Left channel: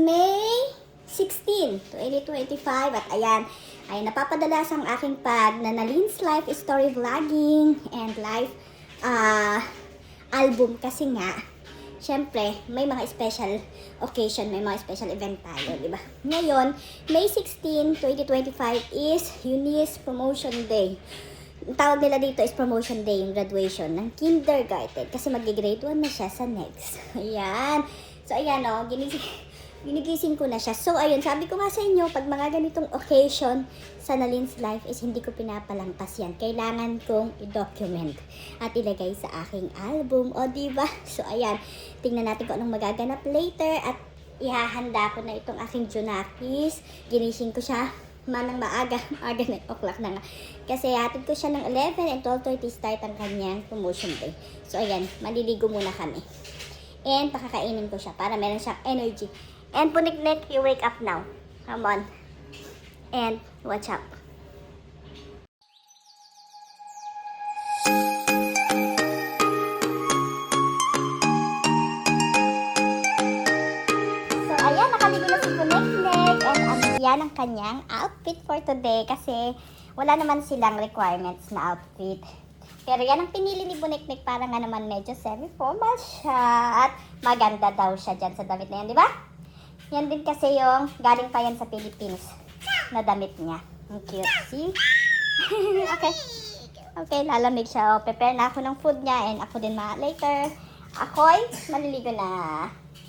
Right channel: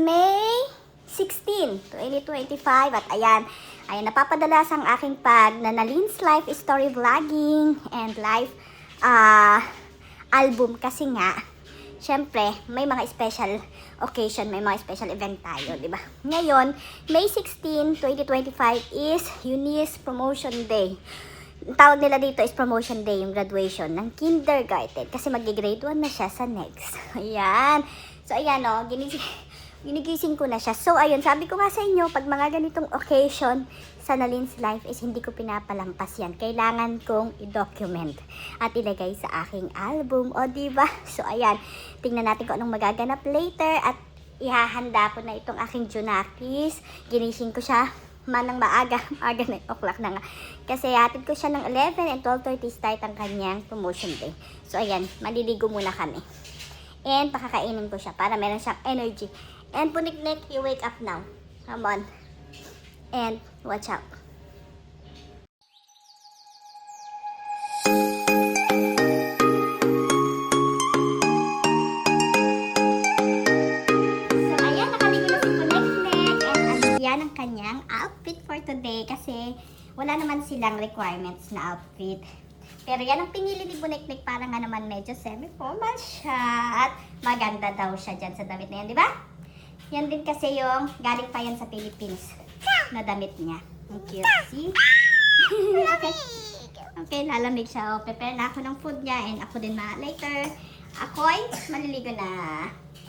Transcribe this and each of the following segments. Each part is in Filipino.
May 16, 2025 at ayan, napapadala ang aking pag na Nalin's Life Story Vlogging and Life album kasi nga, syempre, may mga special occasion, may mga special event tayo, di ba? Ngayon, May 16, 2025 is Eunice Promotion Day. Ang tawag nila dito is Promotion Day, yung graduation ng kindergarten. Kasi mag-grade 1 na siya sa next. Ayan. So, ayan o, ginigising ko na siya. So, ayun, sabi ko nga sa inyo, pag mga ganitong occasion sa Nalin's Life is hindi ko pinapalampas yan. Kailangan kong i-document at ilagay sa aking album. O, diba? So, ayan, tingnan natin kung anong magaganap later at ihahanda ko na itong aking Junakis. Ginising ko siya manang maaga na 8 o'clock na nga. Kasi hatid ko siya ng 11 and 12:30 start ang kanyang promotion day. So, ayan, maliligo muna kami. And pakakainin ko siya para meron siyang energy. And Puniknik, you wake up now. Come on. And watch out. So, ayan, nakaligo na si Puniknik. And yan ang kanyang outfit for today. Kasi wala naman silang requirements na outfit. Pero yan ang pinili ni Puniknik para nga naman medyo semi-formal siya. At maganda daw siya dyan sa damit na yan, di ba? Yan din kasi yung galing pa yan sa Philippines na damit niya. Ang cute. See? Okay. Okay, lalamig siya. O, prepare na ako ng food niya and ako din later. Ako'y maliligo na.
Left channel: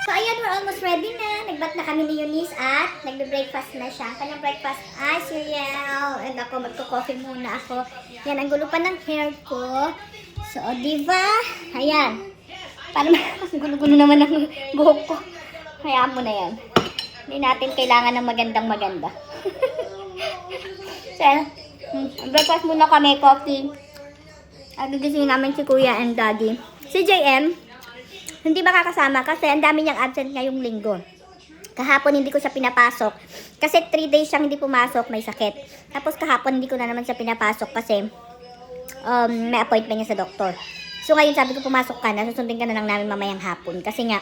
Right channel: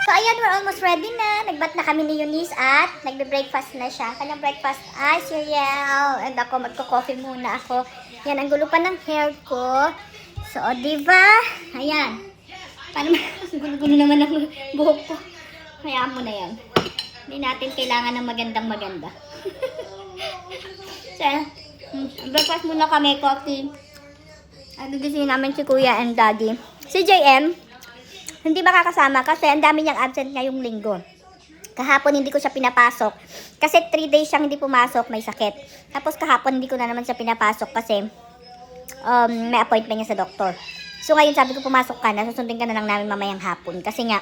So, ayan, we're almost ready na. Nagbat na kami ni Eunice at nagbe-breakfast na siya. Kanyang breakfast ay cereal. And ako, magko-coffee muna ako. Yan, ang gulo pa ng hair ko. So, diba? Ayan. Paano gulo-gulo naman ang buhok ko. Hayaan mo na yan. Hindi natin kailangan ng magandang-maganda. So, breakfast muna kami, coffee. At gigisingin namin si Kuya and Daddy. Si JM, hindi makakasama kasi ang dami niyang absent ngayong linggo. Kahapon hindi ko siya pinapasok. Kasi 3 days siyang hindi pumasok, may sakit. Tapos kahapon hindi ko na naman siya pinapasok kasi may appointment niya sa doktor. So ngayon sabi ko pumasok ka na, susundin ka na lang namin mamayang hapon. Kasi nga,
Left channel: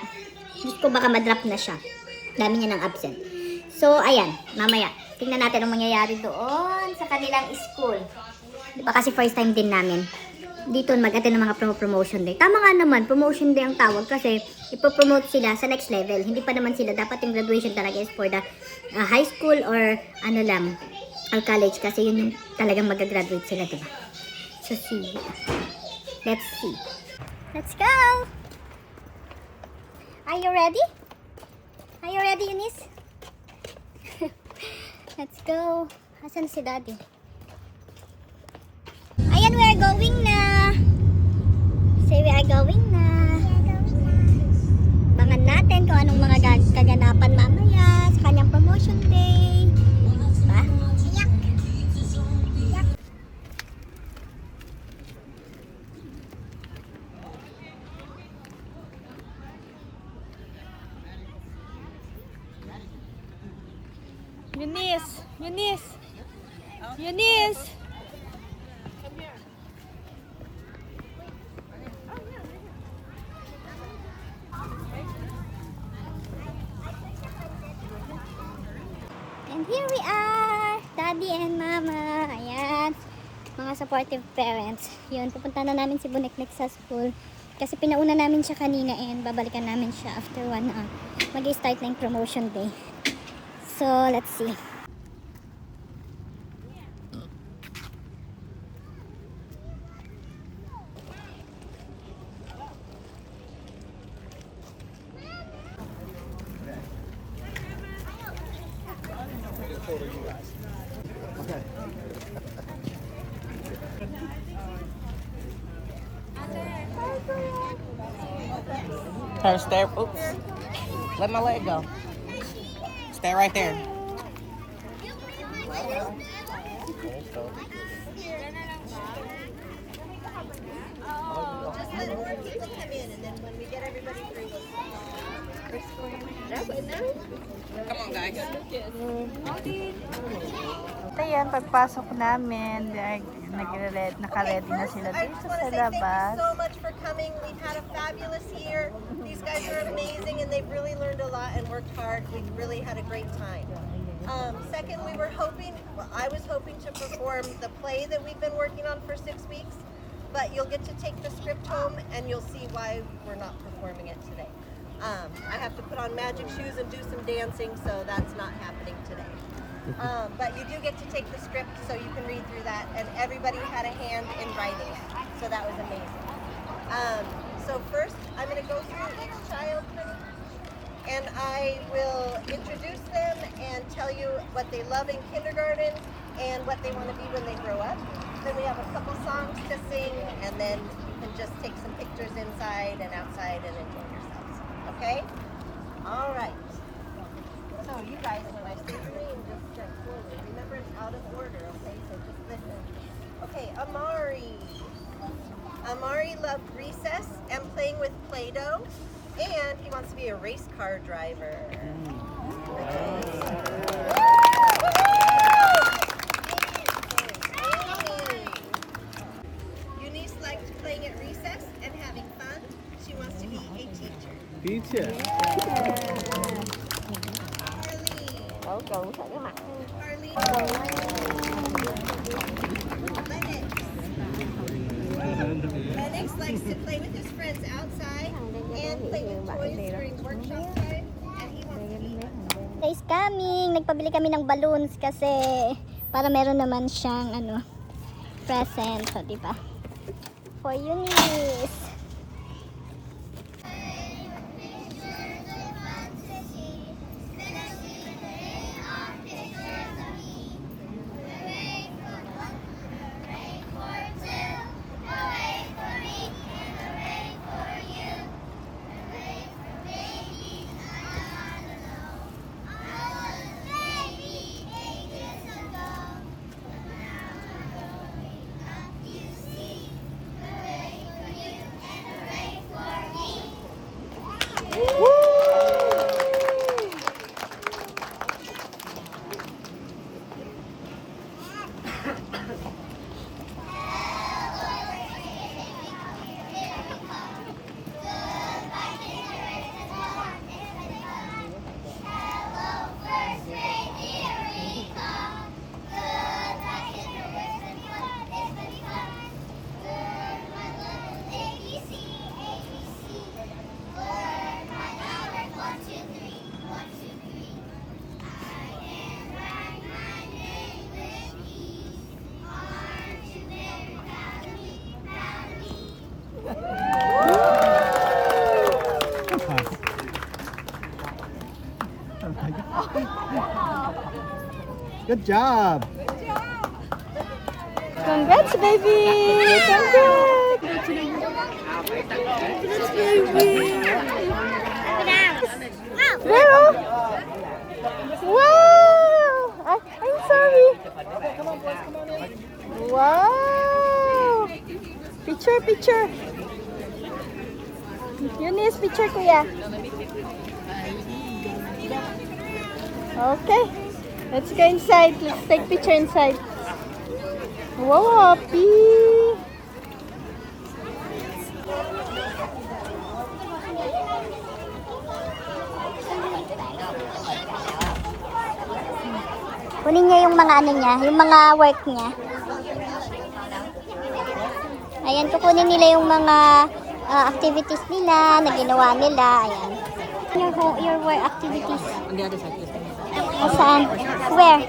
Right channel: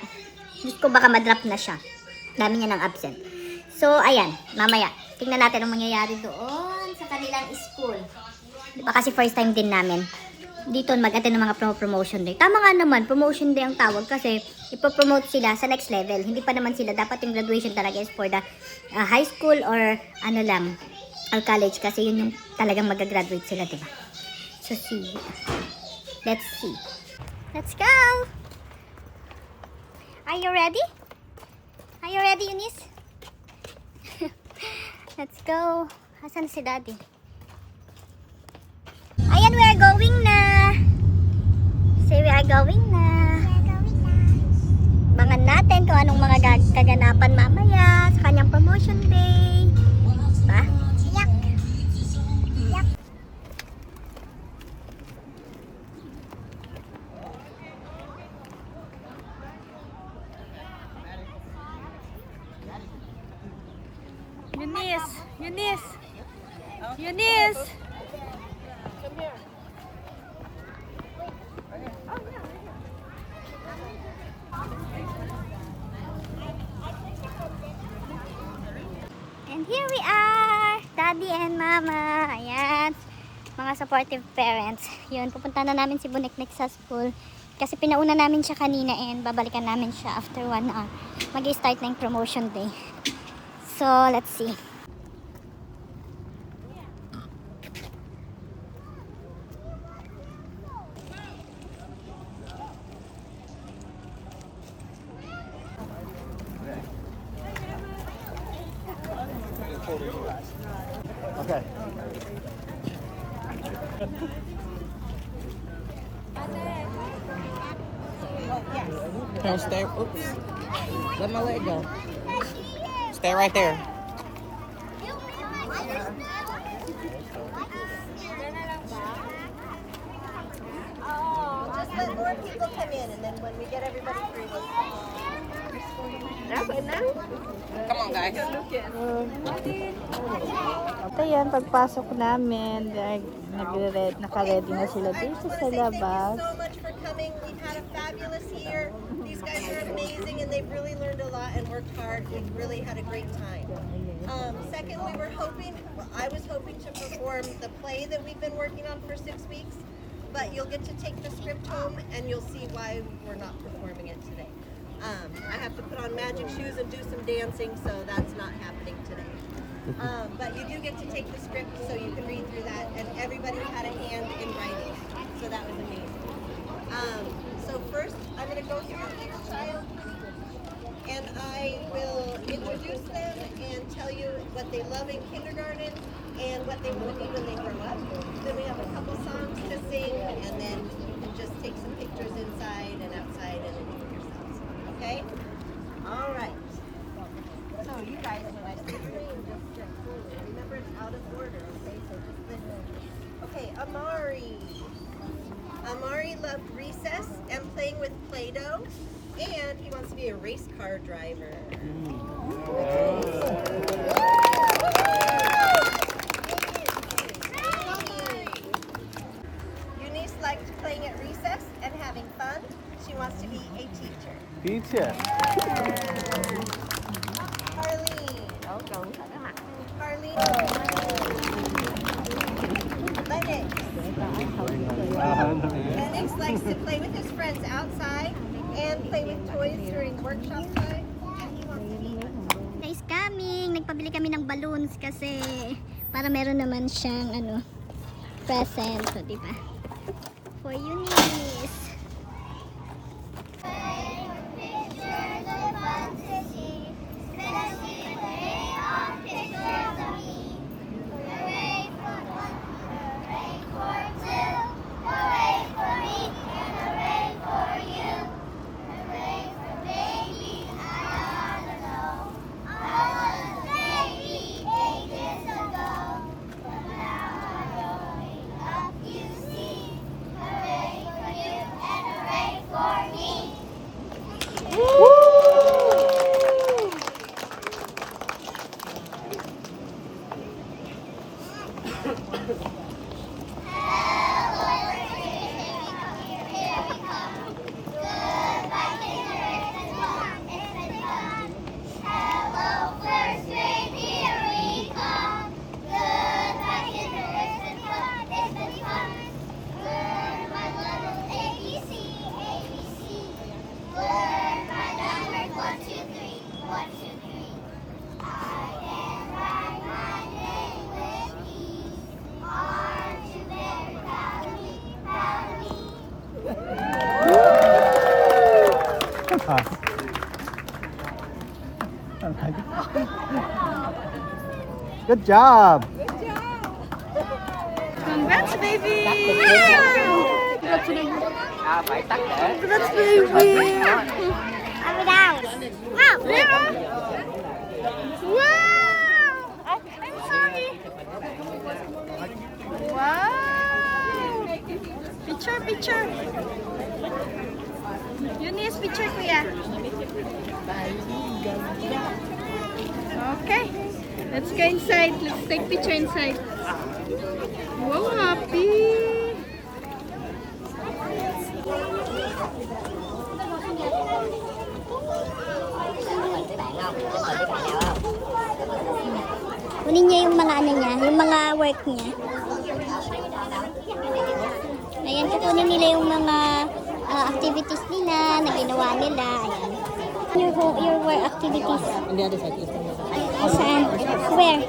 gusto ko baka ma-drop na siya. Dami niya ng absent. So, ayan. Mamaya. Tingnan natin ang mangyayari doon sa kanilang school. Diba kasi first time din namin. Dito mag-attend ng mga promotion day. Tama nga naman, promotion day ang tawag kasi ipopromote sila sa next level. Hindi pa naman sila. Dapat yung graduation talaga is for the high school or ano lang, or college. Kasi yun yung talagang mag-graduate sila, diba? So, see. Let's see. Let's go! Are you ready? Are you ready, Eunice? Let's go. Asan si Daddy? Ayan, we are going na. Say we are going na. Abangan natin kung anong mga kaganapan mamaya sa kanyang promotion day. Diba? Yak. Yak. Eunice! Eunice! Come here. And here we are! Daddy and Mama. Ayan. Mga supportive parents. Yun, pupunta na namin si Puniknik sa school. Kasi pinauna namin siya kanina and babalikan namin siya after 1 hour. Mag-start na yung promotion day. So, let's see. Okay. Turn, stay. Oops. Let my leg go. Stay right there. Oh, just Let's let more people come in, and then when we get everybody through, we'll Come on, guys. So yan, pagpasok namin, naka-ready na sila I dito just want sa to say thank you labas. so much for coming. We've had a fabulous year. These guys are amazing, and they've really learned a lot and worked hard. We've really had a great time. Second, we were hoping, I was hoping to perform the play that we've been working on for 6 weeks, but you'll get to take the script home and you'll see why we're not performing it today. I have to put on magic shoes and do some dancing, so that's not happening today. But you do get to take the script so you can read through that, and everybody had a hand in writing it, so that was amazing. So first, I'm going to go through each child pretty, and I will introduce them and tell you what they love in kindergarten and what they want to be when they grow up. Then we have a couple songs to sing, and then you can just take some pictures inside and outside and enjoy yourselves. Okay? All right. So you guys, when I say your name, just step forward. Remember, it's out of order, okay? So just listen. Okay, Amari. Amari loved recess and playing with Play-Doh, and he wants to be a race car driver. Eunice likes playing at recess and having fun. She wants to be a teacher. Teacher. Harleen. Lennox likes to play with his friends outside and play with toys during workshop time. And he wants to be Is coming. Nagpabili kami ng balloons kasi para meron naman siyang present. So, diba? For Eunice. Good job. Congrats, baby! Congrats! Congrats, baby! There, oh. Wow! Oh, I'm sorry. Wow! Picture, picture. Eunice, picture, kuya. Okay. Let's go inside. Let's take picture inside. Wow, happy! Kunin niya yung mga niya, yung mga work niya. Ayan, kukunin nila yung mga activities nila, na ginawa nila. Ayan. Your work activities. On the other side, please. O saan? Where?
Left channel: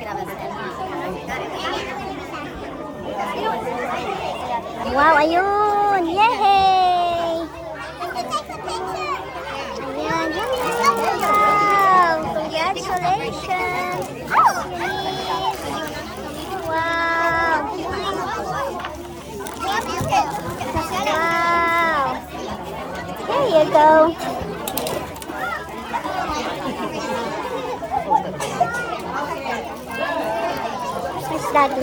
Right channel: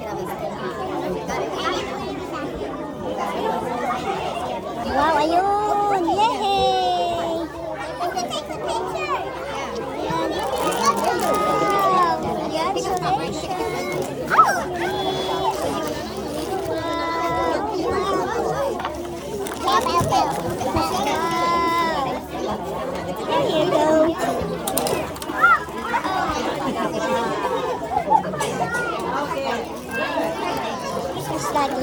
Wow, ayun! Yay! Ayan. Wow! Congratulations! Wow! Wow! There you go! Where's Daddy?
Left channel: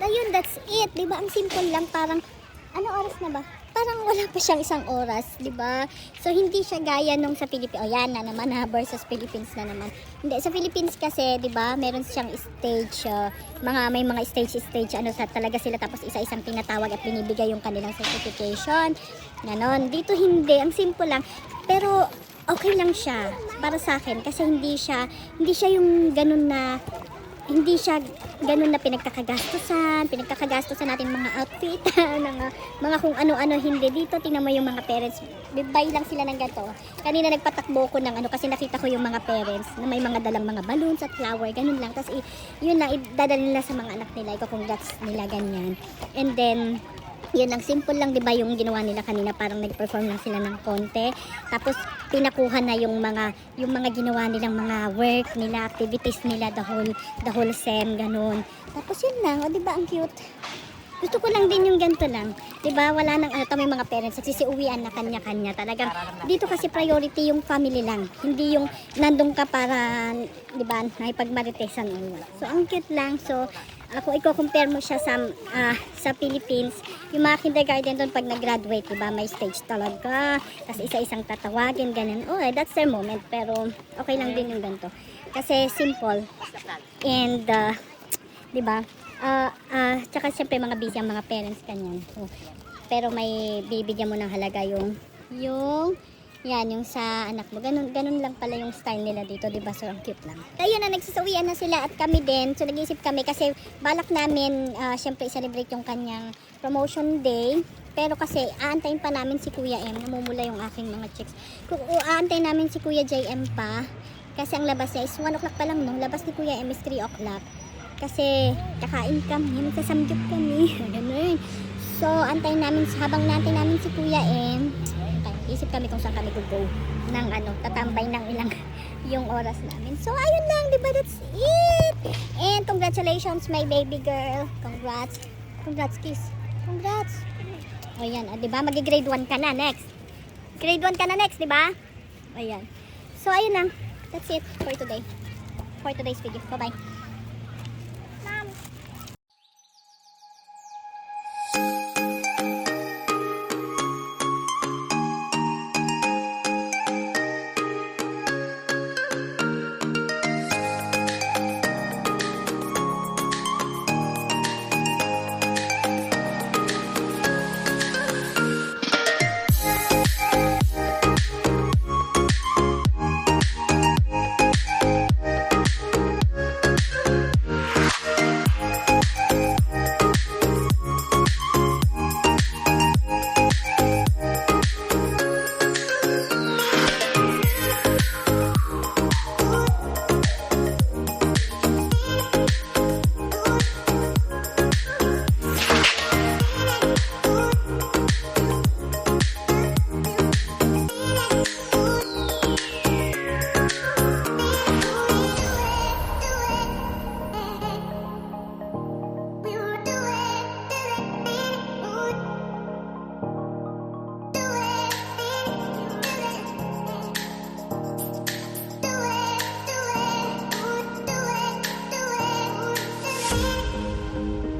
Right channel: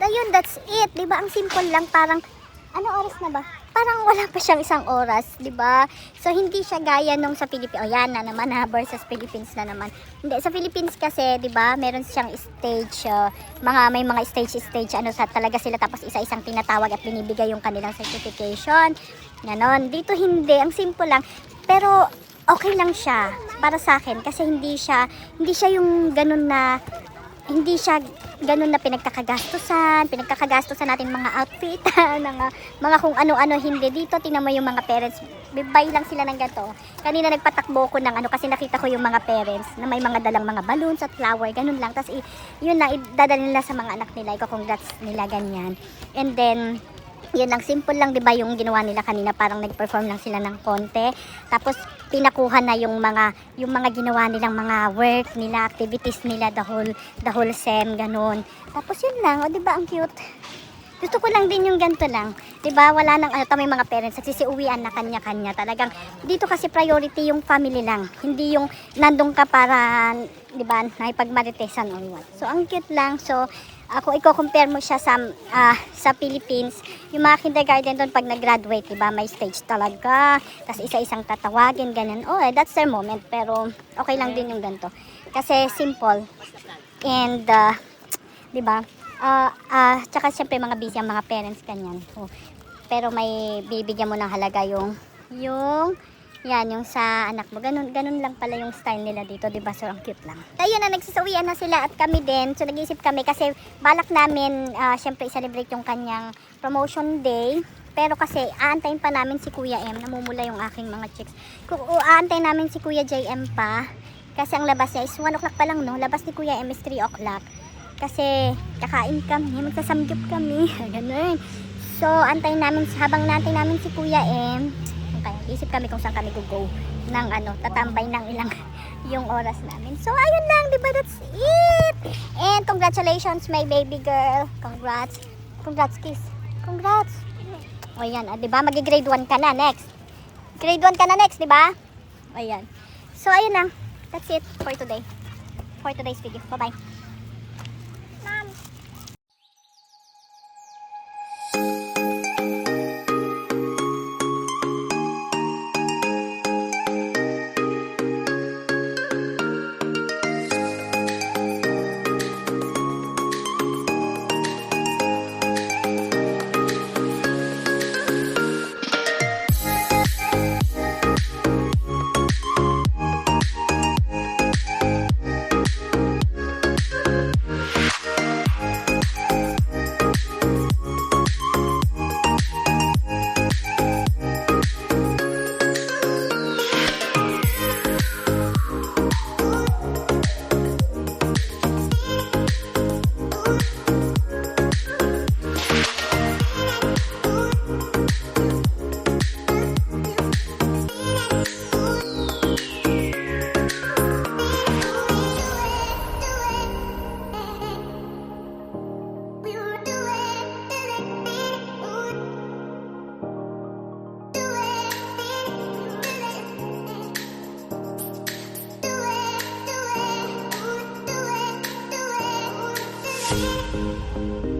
ayun, that's it. Diba? Ang simple lang. Parang, ano oras na ba? Parang wala pa siyang 1 oras, di ba? So, hindi siya gaya nung sa Philippines. O, yan na naman ha, versus Philippines na naman. Hindi, sa Philippines kasi, di ba, meron siyang stage, may mga stage, ano, sa talaga sila, tapos isa-isang tinatawag at binibigay yung kanilang certification. Ganon. Dito hindi, ang simple lang. Pero, okay lang siya para sa akin kasi hindi siya yung ganun na pinagkakagastusan natin mga outfit, mga kung ano-ano, hindi. Dito, tingnan mo yung mga parents, buy lang sila ng ganito. Kanina nagpatakbo ko ng kasi nakita ko yung mga parents na may mga dalang mga balloons at flower, ganun lang. Tapos, yun lang, idadala nila sa mga anak nila, congrats nila, ganyan. And then, yun lang, simple lang, 'di ba, yung ginawa nila kanina, parang nag-perform lang sila ng konti. Tapos pinakuha na yung mga ginawa nilang mga work nila, activities nila, the whole sem, ganun. Tapos yun lang, 'di ba, ang cute. Gusto ko lang din yung ganito lang. 'Di ba? Wala nang may mga parents at sisiuwian na kanya-kanya. Talagang dito kasi priority yung family lang. Hindi yung nandun ka para, 'di ba, naipagmaritesan or what. So ang cute lang. So kung i-compare mo siya sa Philippines, yung mga kindergarten doon pag nag-graduate, diba, may stage talaga. Tapos isa-isang tatawagin, ganyan. Oh, that's their moment. Pero okay lang din yung ganito. Kasi simple. And, diba, tsaka syempre mga busy ang mga parents, ganyan. So, pero may bibigyan mo ng halaga yung sa anak mo. Ganun lang pala yung style nila dito, diba? So, ang cute lang. Ayun na, nagsasawian na sila at kami din. So, nag-isip kami kasi balak namin, syempre, i-celebrate yung kanyang promotion day. Pero kasi, aantayin pa namin si Kuya M. Namumula yung aking mga chicks. Aantayin namin si Kuya JM pa. Kasi ang labas niya is 1 o'clock pa lang, no? Labas ni Kuya M is 3 o'clock. Kasi, kakain kami, magsasamgyup kami. Ganun. So, antayin namin, habang natin namin si Kuya M, isip kami kung saan kami go ng tatambay ng ilang yung oras namin. So, ayun lang, diba? That's it! And congratulations, my baby girl. Congrats, kiss. Congrats. O, yan, diba? Mag-grade 1 ka na next. Grade 1 ka na next, diba? O, yan. So, ayun lang. That's it for today. For today's video. Bye-bye. Do it.